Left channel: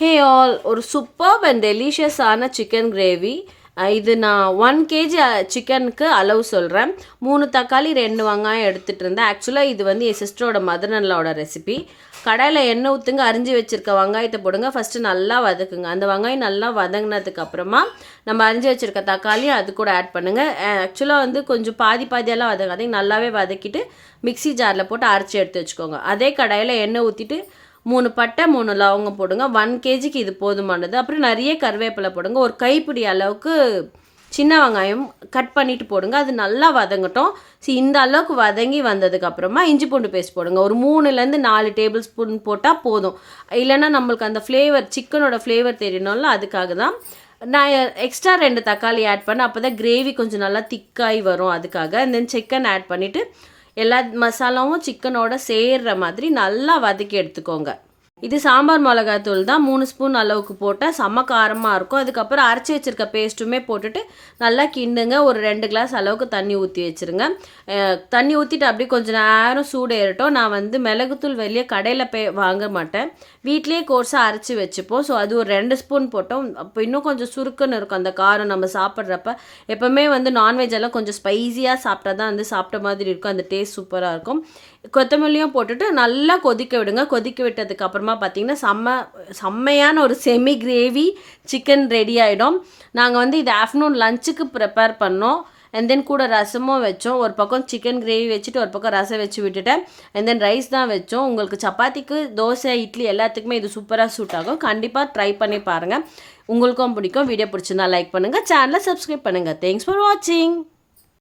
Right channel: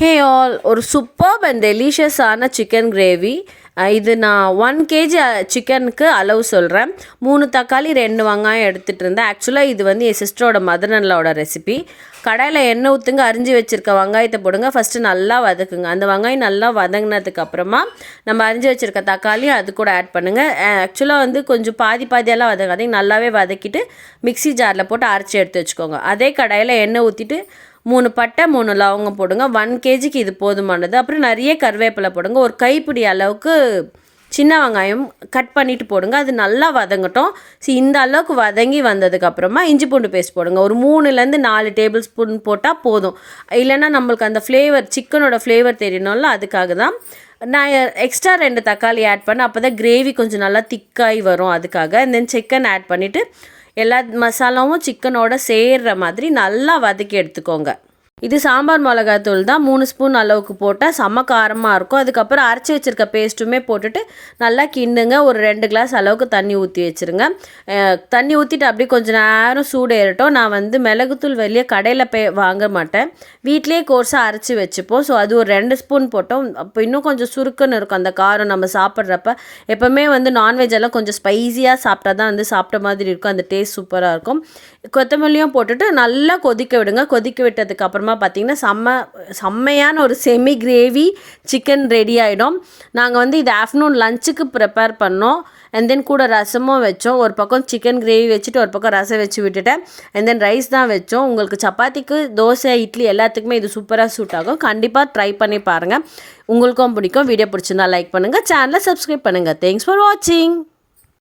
Hey all, ஒரு superb and டெலிஷியஸான chicken gravy. இது நான் 1 kg சிக்கனுக்கு அளவு சொல்கிறேன். 3 தக்காளி 2 வெங்காயம் எடுத்துகிட்டு இருந்தேன். ஆக்சுவலாக இது வந்து என் சிஸ்டரோட மதர்இன்லாவோட ரெசிபி. கடாயில் எண்ணெய் ஊற்றுங்க, அரிஞ்சு வச்சுருக்க வெங்காயத்தை போடுங்க. ஃபஸ்ட்டு நல்லா வதக்குங்க. அந்த வெங்காயம் நல்லா வதங்கினதுக்கப்புறமா நம்ம அரிஞ்சு வச்சுருக்க தக்காளி அது கூட ஆட் பண்ணுங்கள். ஆக்சுவலாக வந்து கொஞ்சம் பாதியெல்லாம் வதங்காதீங்க, நல்லாவே வதக்கிட்டு மிக்ஸி ஜாரில் போட்டு அரைச்சி எடுத்து வச்சுக்கோங்க. அதே கடாயில் எண்ணெய் ஊற்றிட்டு 3 பட்டை 3 லவங்கம் போடுங்க. 1 kgக்கு இது போதுமானது. அப்புறம் நிறைய கருவேப்பிலை போடுங்க. ஒரு கைப்பிடி அளவுக்கு சின்ன வெங்காயம் கட் பண்ணிவிட்டு போடுங்க. அது நல்லா வதங்கட்டும். இந்த அளவுக்கு வதங்கி வந்ததுக்கப்புறமா இஞ்சி பூண்டு பேஸ்ட் போடுங்க. ஒரு 3லேருந்து 4 டேபிள் ஸ்பூன் போட்டால் போதும். இல்லைன்னா நம்மளுக்கு அந்த ஃப்ளேவர், சிக்கனோட ஃப்ளேவர் தெரியணும்ல, அதுக்காக தான் நான் எக்ஸ்ட்ரா 2 தக்காளி ஆட் பண்ணேன். அப்போ தான் கிரேவி கொஞ்சம் நல்லா திக்காகி வரும், அதுக்காக. தென் சிக்கன் ஆட் பண்ணிவிட்டு எல்லா மசாலாவும் சிக்கனோட சேர்கிற மாதிரி நல்லா வதக்கி எடுத்துக்கோங்க. இது சாம்பார் மிளகாத்தூள் தான். 3 ஸ்பூன் அளவுக்கு போட்டால் செம்ம காரமாக இருக்கும். அதுக்கப்புறம் அரைச்சி வச்சுருக்க பேஸ்ட்டுமே போட்டுட்டு நல்லா கிண்டுங்க. ஒரு 2 கிளாஸ் அளவுக்கு தண்ணி ஊற்றி வச்சுருங்க. தண்ணி ஊற்றிட்டு அப்படியே கொஞ்சம் நேரம் சூடு ஏறட்டும். நான் வந்து மிளகுத்தூள் வெளியே கடையில் வாங்க மாட்டேன், வீட்லேயே கோர்ஸாக அரைச்சி வச்சுப்போம். ஸோ அது ஒரு 2 ஸ்பூன் போட்டோம். அப்போ இன்னும் கொஞ்சம் சுருக்குன்னு இருக்கும் அந்த காரம். நம்ம சாப்பிட்றப்ப எப்போவுமே வந்து நான்வெஜ் எல்லாம் கொஞ்சம் ஸ்பைஸியாக சாப்பிட்டா தான் வந்து சாப்பிட்ட மாதிரி இருக்கும், அந்த டேஸ்ட் சூப்பராக இருக்கும். கொத்தமல்லியும் போட்டுட்டு நல்லா கொதிக்க விடுங்க. கொதிக்க விட்டதுக்கப்புறமா பார்த்திங்கன்னா செம்மையான ஒரு செமி கிரேவி சிக்கன் ரெடி ஆகிடும். நாங்கள் வந்து இது ஆஃப்டர்நூன் லஞ்சுக்கு ப்ரிப்பேர் பண்ணோம். அண்ட் தென் கூட ரசமும் வச்சோம். ஒரு பக்கம் சிக்கன் கிரேவி வச்சுட்டு ஒரு பக்கம் ரசம் வச்சு விட்டுட்டேன். அண்ட் தென் ரைஸ் தான் வச்சோம். உங்களுக்கு சப்பாத்திக்கு, தோசை, இட்லி எல்லாத்துக்குமே இது சூப்பராக சூட் ஆகும். கண்டிப்பாக ட்ரை பண்ணி பாருங்கள், உங்களுக்கும் பிடிக்கும். வீடியோ பிடிச்சிருந்தா லைக் பண்ணுங்கள், சேனலை சப்ஸ்கிரைப் பண்ணுங்கள். தேங்க்ஸ் ஃபார் வாட்சிங்.